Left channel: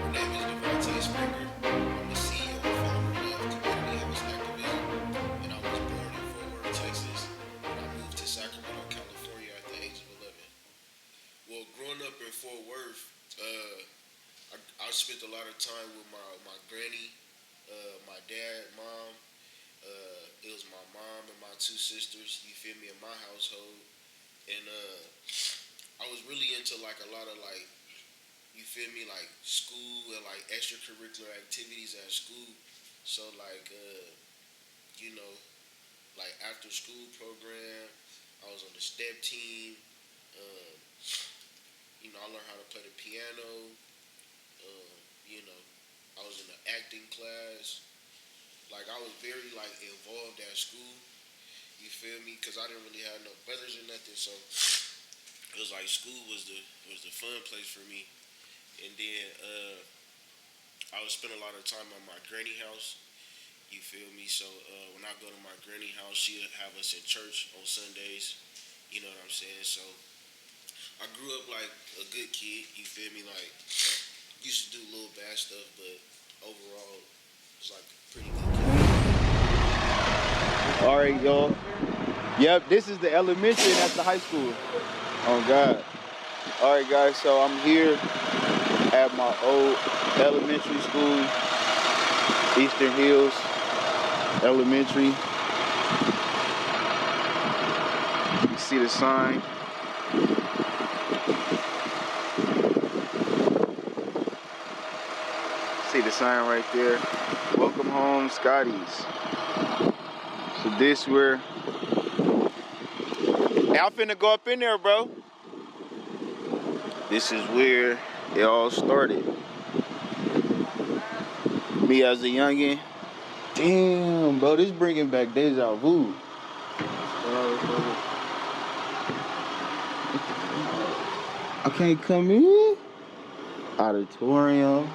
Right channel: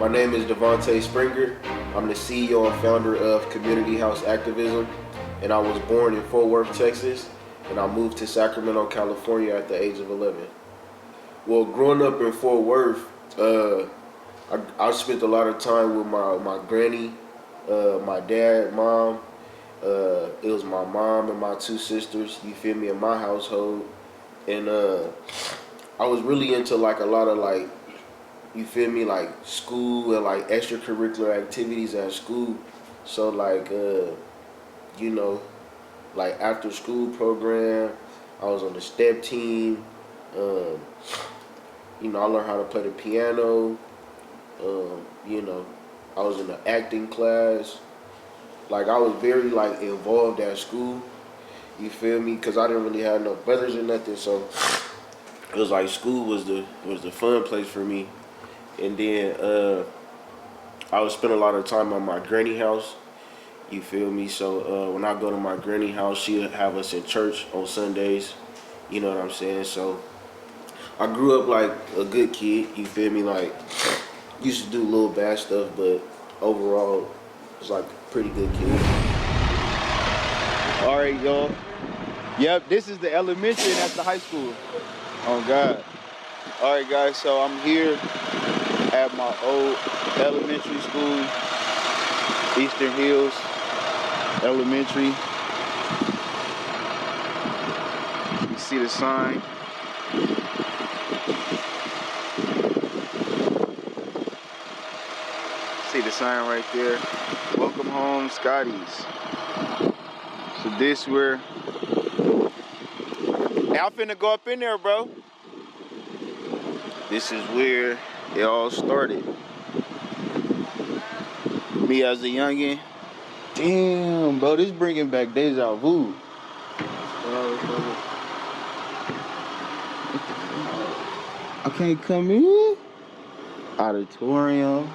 My name is Devontae Springer. I'm the CEO and founder of Community House Activism, and I was born in Fort Worth, Texas, and I moved to Sacramento, California at the age of 11. Well, growing up in Fort Worth, I spent a lot of time with my granny, my dad, mom. It was my mom and my two sisters, you feel me, in my household. And I was really into like a lot of like, you feel me, like school and like extracurricular activities at school. So like, you know, like after school program, I was on the step team. Um, I learned how to play the piano. You know, I was in the acting class. Like I was very like involved at school. You feel me? Cause I didn't really have no brothers or nothing, so it was like school was the fun place for me. And then I would spend a lot of time at my granny house. You feel me? So when I go to my granny house, she'll have us in church on Sundays. You know what I'm saying? So I grew up like a good kid. You feel me? Like used to do little bad stuff, but overall, it's like a pretty good kid. All right, y'all. Yep, this is the elementary and that's the high school. Oh God. All right, guys. So I'm here at my old elementary school, Eastern Hills Elementary. You see the sign. See the sign right there. Welcome home, Scotty's. So this where I'm finna go up in there, bro. This is where it all started. Me as a youngin'. Damn, bro, this bringing back deja vu. I can't come in. Auditorium.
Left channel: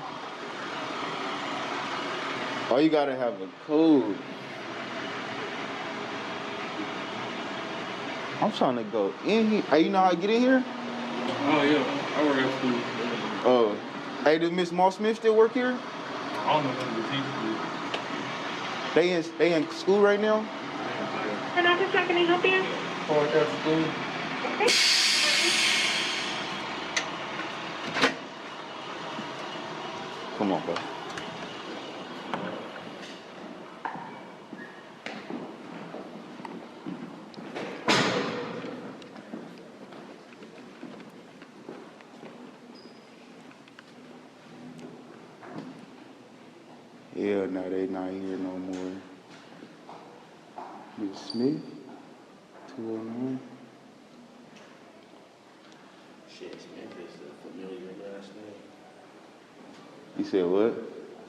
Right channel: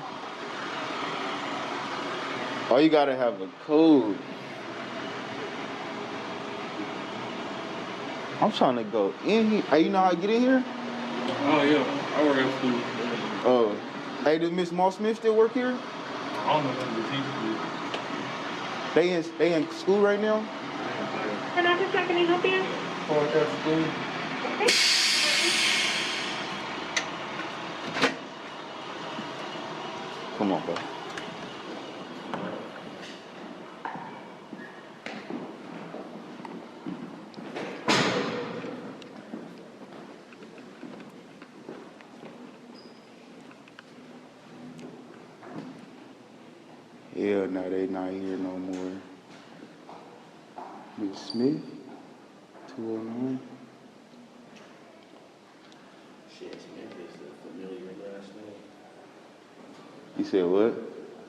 Oh, you gotta have a code. I'm trying to go in here. Hey, you know how to get in here? Oh yeah, I work at school. Oh. Hey, does Miss Moss Smith still work here? I don't know if the teacher. They in school right now? And officer, can I help you? I work at school. Come on, bro. Yeah, no, they not here no more. Miss Smith, 209. Shit, Smith is a familiar last name. You said what? I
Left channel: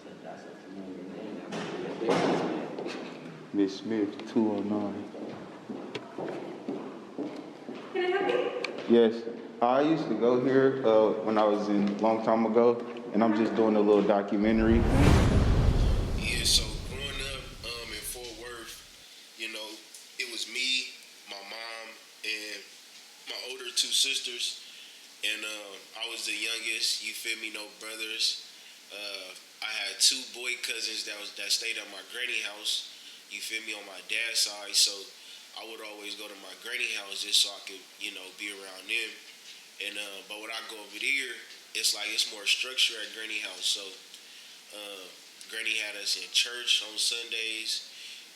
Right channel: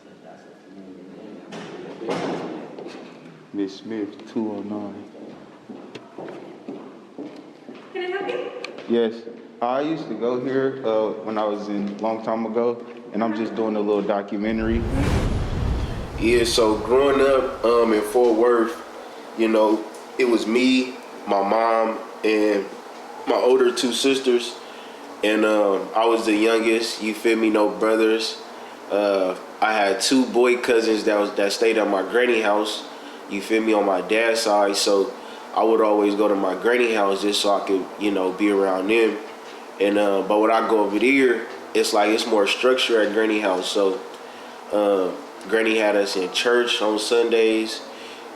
said that's a familiar name. Miss Smith, 209. Can I help you? Yes, I used to go here when I was in long time ago, and I'm just doing a little documentary. Yeah, so growing up in Fort Worth, you know, it was me, my mom, and my older two sisters, and I was the youngest. You feel me? No brothers. I had two boy cousins that stayed at my granny house. You feel me, on my dad's side. So I would always go to my granny house just so I could, you know, be around them. And but when I go over there, it's like it's more structure at granny house. So granny had us in church on Sundays.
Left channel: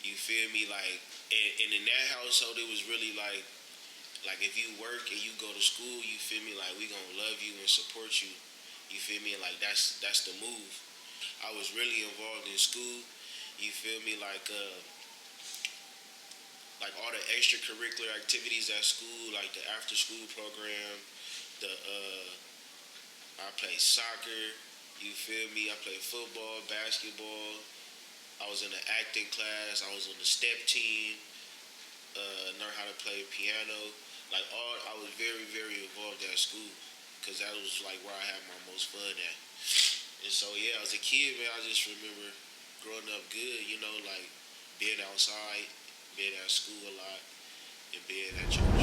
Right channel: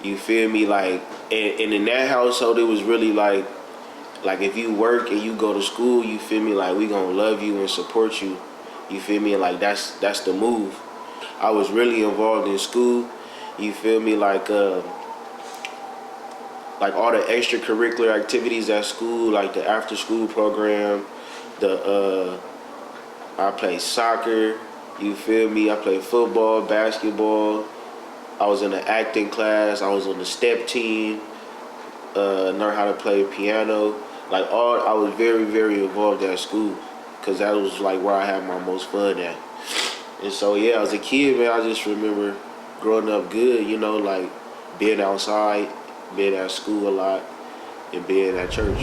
You feel me? Like, and in that household, it was really like if you work and you go to school, you feel me? Like we gonna love you and support you. You feel me? Like that's the move. I was really involved in school. You feel me? Like all the extracurricular activities at school, like the after school program, I played soccer. You feel me? I played football, basketball. I was in the acting class. I was on the step team. Learned how to play piano. I was very, very involved at school because that was like where I had my most fun at. And so yeah, as a kid, man, I just remember growing up good. You know, like being outside, being at school a lot, and being at church.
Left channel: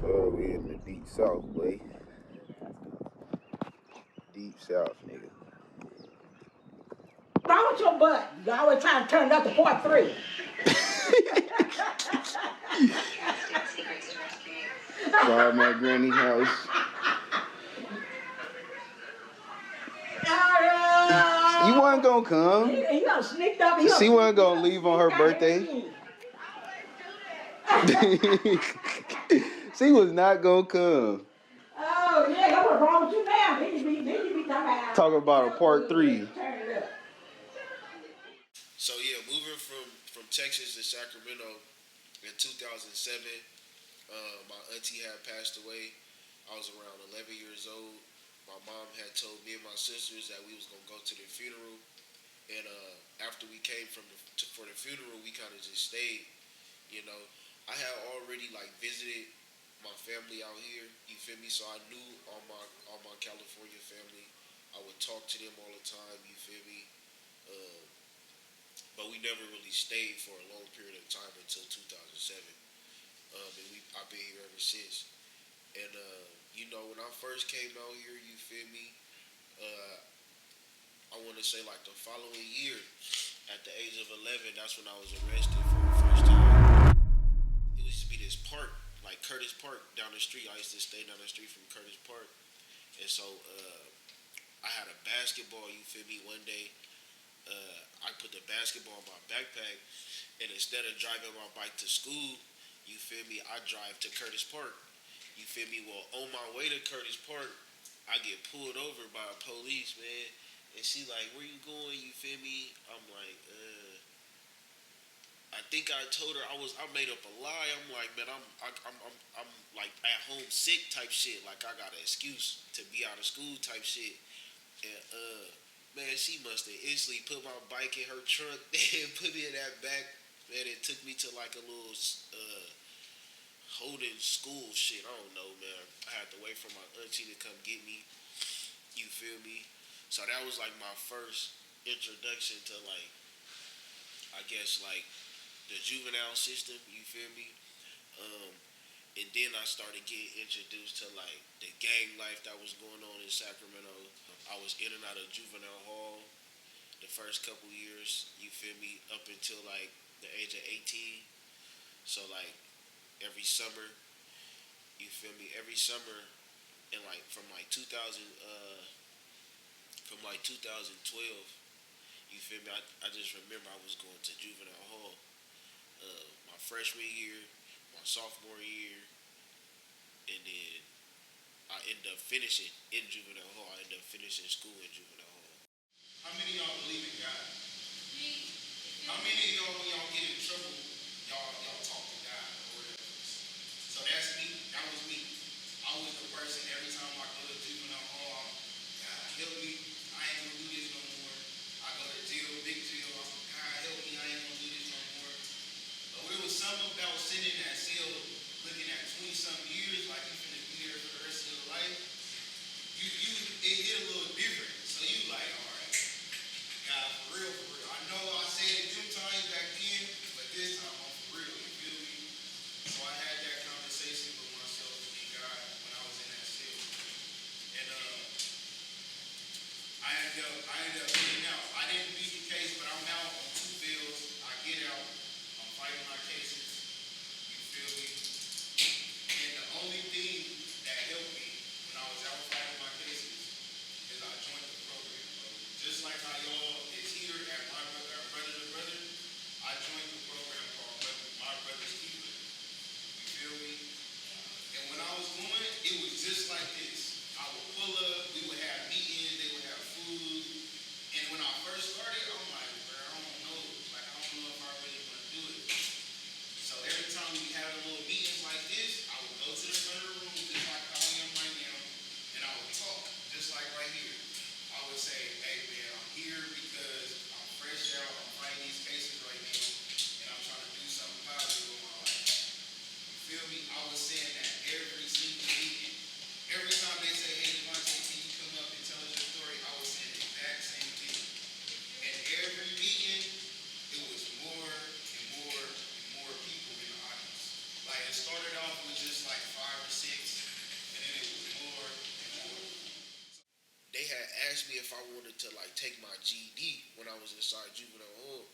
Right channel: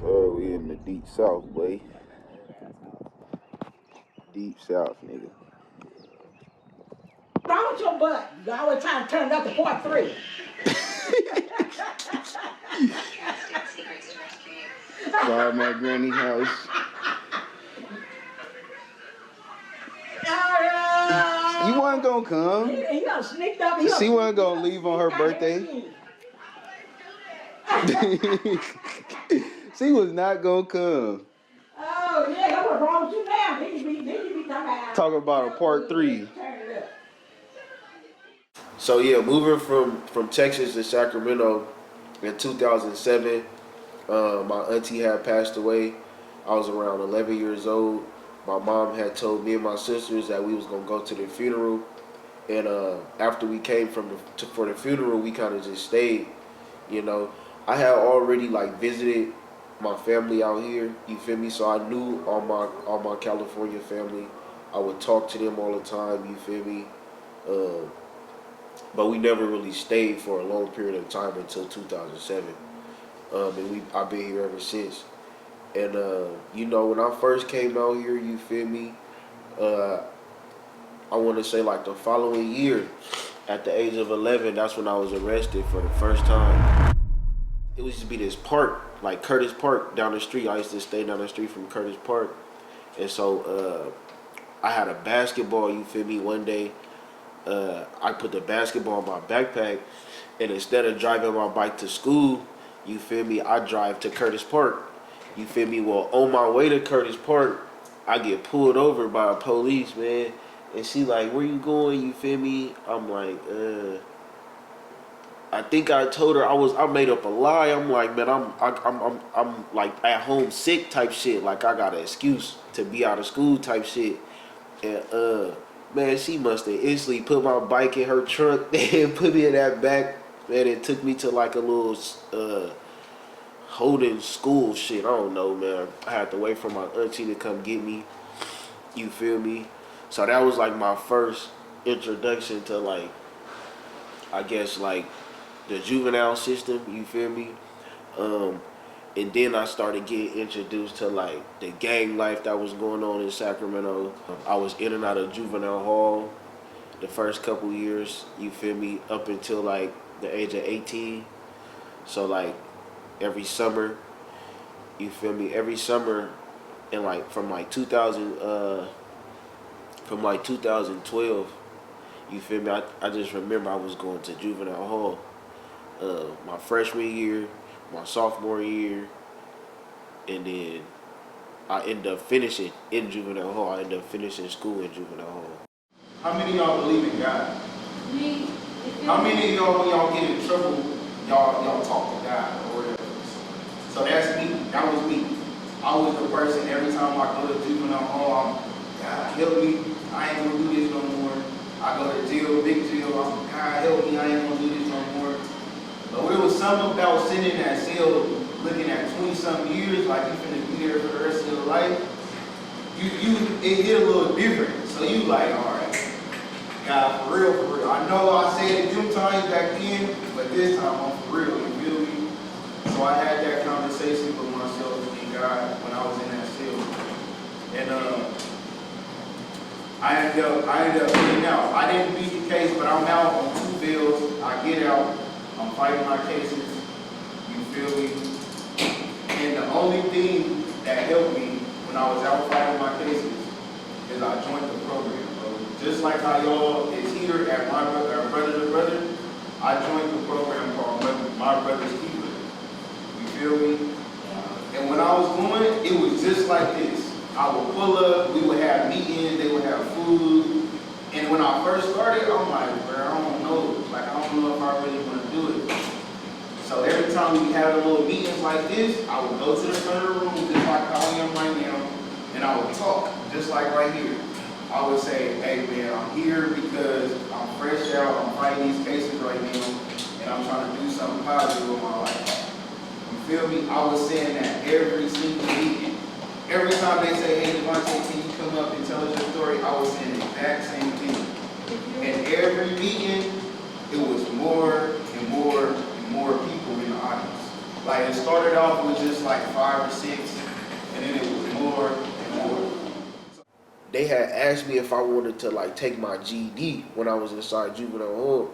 So we in the deep south, boy. deep south, nigga. What's wrong with your butt? You always trying to turn it up to part 3. So I'm at Granny's house. You wasn't gonna come. He done sneaked up. She wasn't gonna leave on her birthday. She was not gonna come. Oh, yeah, what's wrong with you now? Then you be talking about a part 3. So yeah, moving from Texas to Sacramento in 2007, my auntie had passed away. I was around 11 years old. My mom had told me and my sisters that we was gonna go to the funeral, and after we came for the funeral, we kind of just stayed. You know, I had already like visited my family out here. You feel me? So I knew all my California family. I would talk to them all the time. You feel me? But we never really stayed for a long period of time until 2007. And I've been here ever since. And you know, when I first came out here, you feel me? I want to say like the following year, at the age of 11, that's when I was arrested for the first time. It used to be this park, like Curtis Park down the street. I used to stay down the street from Curtis Park. And so I had a basketball, you feel me? One day, I put the basketball in my backpack, and instead of driving my bike to school, you feel me, I drive to Curtis Park. You feel me? Well, on my way to Curtis Park, I get pulled over by a police, man. And she like, where you going? You feel me? I'm like, I think I told her I made up a lie. I'm like, man, I'm like at home sick type shit. Like I got an excuse to be out of school type shit. And man, she must have instantly put my bike in her trunk and put me in that back. Man, it took me to like a little holding school shit. I don't know, man. I had to wait for my auntie to come get me. You feel me? So that was like my first introduction to like, I guess like the juvenile system. You feel me? And then I started getting introduced to like the gang life that was going on in Sacramento. I was in and out of juvenile hall the first couple years, you feel me, up until like the age of 18. So like every summer, you feel me, every summer, and like from like 2012, you feel me, I just remember I was going to juvenile hall my freshman year, my sophomore year, and then I ended up finishing in juvenile hall. I ended up finishing school in juvenile hall. How many of y'all believe in God? Me. How many of y'all, when y'all get in trouble, y'all talk to God or whatever? So that's me. That was me. I was the person, every time I go to juvenile hall, I'm, God help me, I ain't gonna do this no more. I go to jail, big jail, I'm, God help me, I ain't gonna do this no more. But it was something about sitting in that cell looking at 20-something years, like you finna be there for the rest of your life. It hit a little different. So you like, all right, God, for real, for real. I know I said it them times back then, but this time I'm for real, you feel me? So I had that conversation with myself and God when I was in that cell. And I ended up getting out. I didn't beat the case, but I'm out on 2 bills. I get out. I'm fighting my cases. You feel me? And the only thing that helped me when I was out fighting my cases is I joined the program, bro. Just like how y'all is here at my Brother to Brother, I joined the program called My Brother's Keeper. You feel me? And when I was going, it was just like this. I would pull up, we would have meetings, they would have food. And when I first started, I'm like, bro, I don't know. Like, I don't know if I really want to do it. So every time we had a little meetings like this, I would go to the front of the room, just like how I am right now, and I would talk, just like right here. I would say, hey man, I'm here because I'm fresh out, I'm fighting these cases right now, and I'm trying to do something positive with my life. You feel me? I was saying that every single meeting. Every time they say, hey Devontae, can you come up and tell us your story, I was saying the exact same thing. And every meeting, it was more and more and more people in the audience. Like it started off with just like 5 or 6, and then it was more and more. they had asked me if I wanted to like take my GED when I was inside juvenile hall,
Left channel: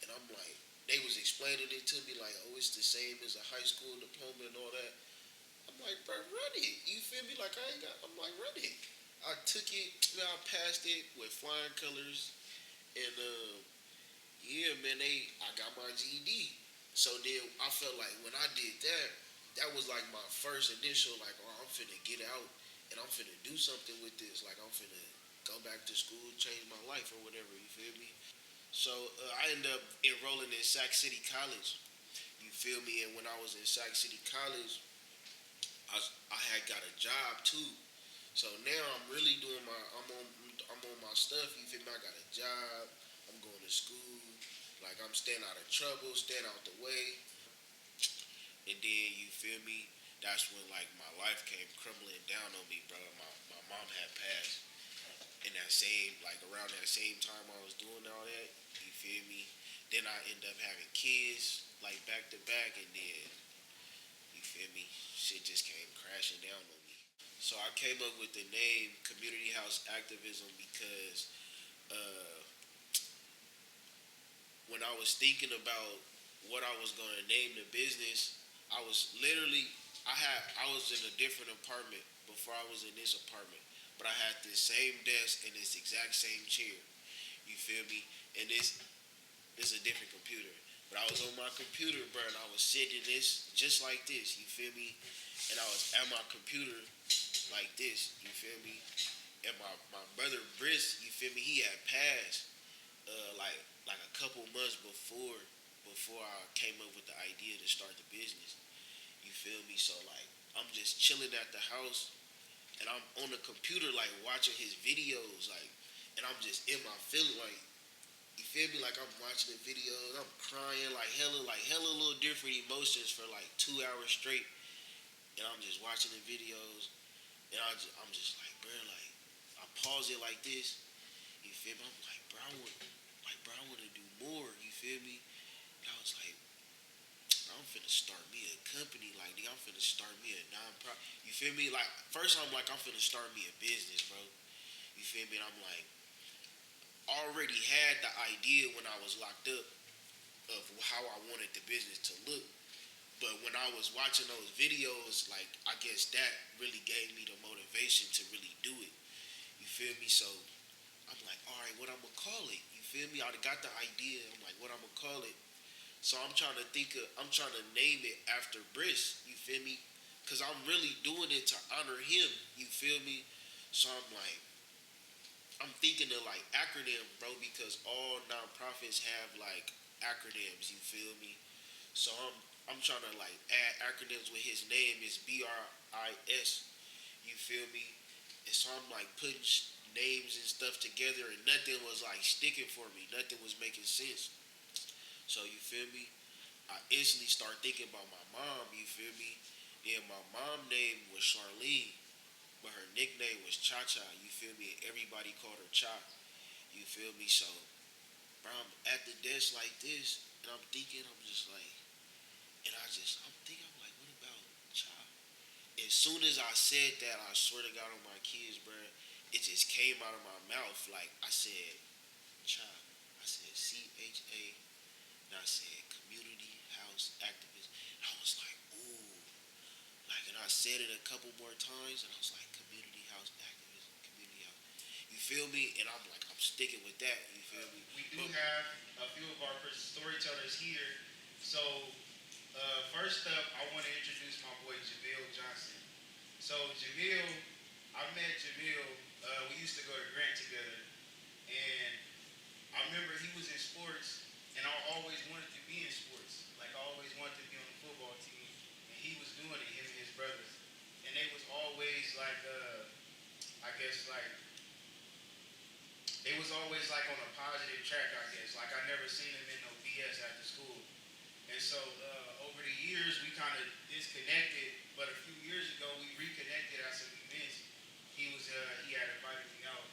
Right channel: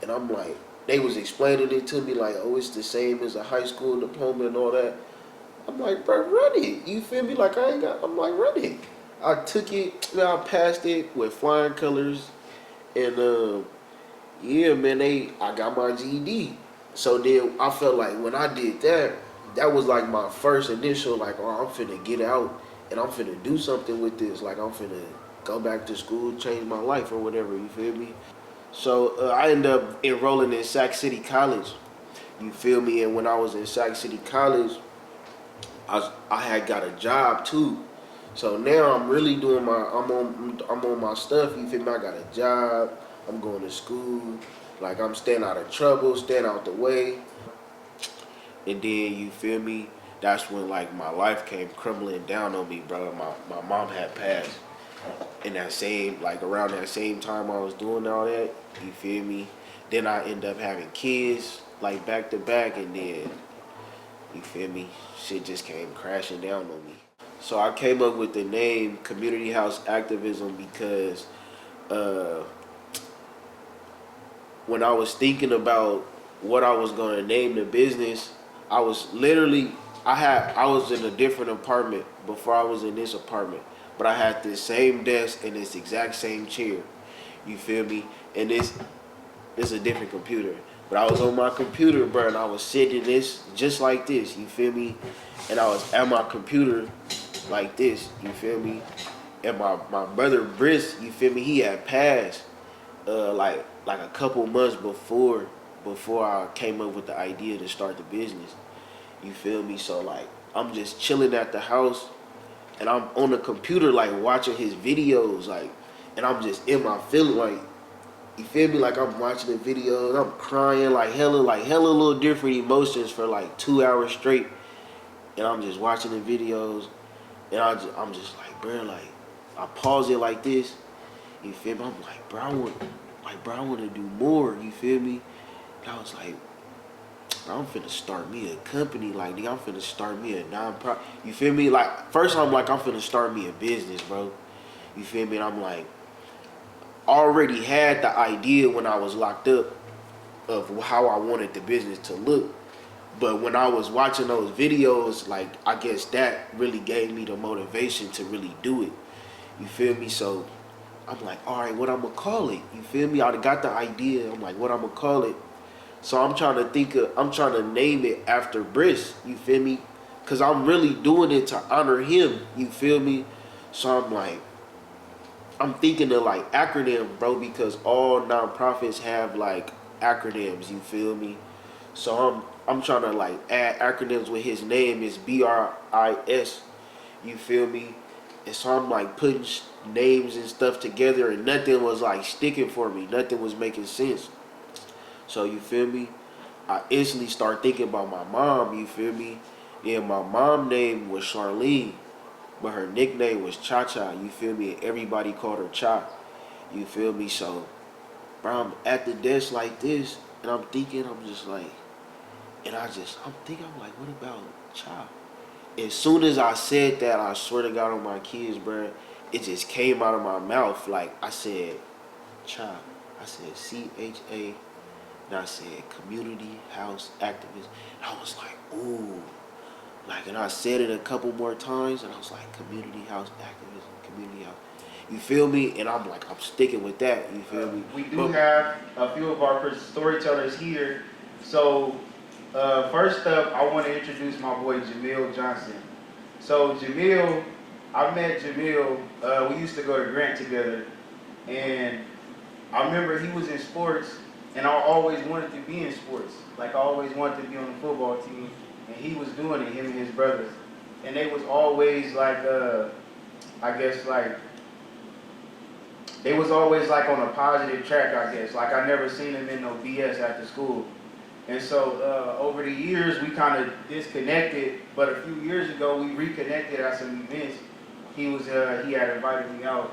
and I'm like, they was explaining it to me like, oh, it's the same as a high school diploma and all that. I'm like, bro, run it. You feel me? Like I'm like, run it. I took it, man, I passed it with flying colors, and yeah, man, I got my GED. So then I felt like when I did that, that was like my first initial like, oh, I'm finna get out and I'm finna do something with this. Like I'm finna go back to school, change my life or whatever. You feel me? So I ended up enrolling in Sac City College. You feel me? And when I was in Sac City College, I had got a job too. So now I'm really doing I'm on my stuff. You feel me? I got a job. I'm going to school. Like I'm staying out of trouble, staying out the way. And then you feel me? That's when like my life came crumbling down on me, bro. My mom had passed. In that same, like around that same time I was doing all that, you feel me? Then I end up having kids like back to back, and then you feel me? Shit just came crashing down on me. So I came up with the name Community House Activism because when I was thinking about what I was gonna name the business, I was literally I was in a different apartment before I was in this apartment, but I had this same desk and this exact same chair. You feel me? And this is a different computer. But I was on my computer, bro, and I was sitting this just like this, you feel me? And I was at my computer like this, you feel me? And my brother Briss, you feel me, he had passed like a couple months before I came up with the idea to start the business. You feel me? So like I'm just chilling at the house and I'm on the computer like watching his videos, like, and I'm just in my feeling, like, you feel me? Like I'm watching the videos, I'm crying like hella little different emotions for like 2 hours straight, and I'm just watching the videos, and I'm just like, bro, like I pause it like this, you feel me? I'm like, bro, I want to do more, you feel me? And I was like, bro, I'm finna start me a company, like, nigga, I'm finna start me a non-profit, you feel me? Like, first I'm like, I'm finna start me a business, bro, you feel me? And I'm like, already had the idea when I was locked up of how I wanted the business to look. But when I was watching those videos, like, I guess that really gave me the motivation to really do it. You feel me? So I'm like, all right, what I'm gonna call it? You feel me? I got the idea. I'm like, what I'm gonna call it? So I'm trying to name it after Briss. You feel me? Cause I'm really doing it to honor him. You feel me? So I'm like, I'm thinking of like acronym, bro, because all nonprofits have like acronyms, you feel me? So I'm trying to like add acronyms with his name is BRIS, you feel me? And so I'm like putting names and stuff together and nothing was like sticking for me. Nothing was making sense. So you feel me? I instantly start thinking about my mom, you feel me? Yeah, my mom's name was Charlene, but her nickname was Cha Cha, you feel me? And everybody called her Cha, you feel me? So, bro, I'm at the desk like this, and I'm thinking, I'm just like, I'm thinking, I'm like, what about Cha? As soon as I said that, I swear to God on my kids, bro, it just came out of my mouth. Like, I said, Cha. I said, CHA, and I said, Community House Activist. And I was like, ooh. Like, and I said it a couple more times, and I was like, Community House Activism, Community House. You feel me? And I'm like, I'm sticking with that. You feel me? We do have a few of our storytellers here. So, first up, I want to introduce my boy Jamil Johnson. So, Jamil, I met Jamil, we used to go to Grant together, and I remember he was in sports, and I always wanted to be in sports. Like, I always wanted to be on the football team. And he was doing it, him and his brothers. And they was always like, I guess like, they was always like on a positive track, I guess. Like I never seen him in no BS after school. And so over the years, we kind of disconnected. But a few years ago, we reconnected at some events. He had invited me out.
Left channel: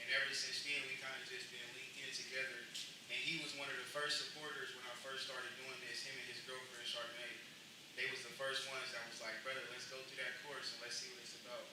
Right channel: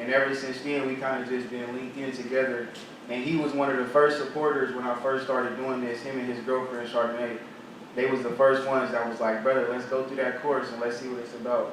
And ever since then, we kind of just been linked in together. And he was one of the first supporters when I first started doing this, him and his girlfriend, Chardonnay. They was the first ones that was like, brother, let's go through that course and let's see what it's about.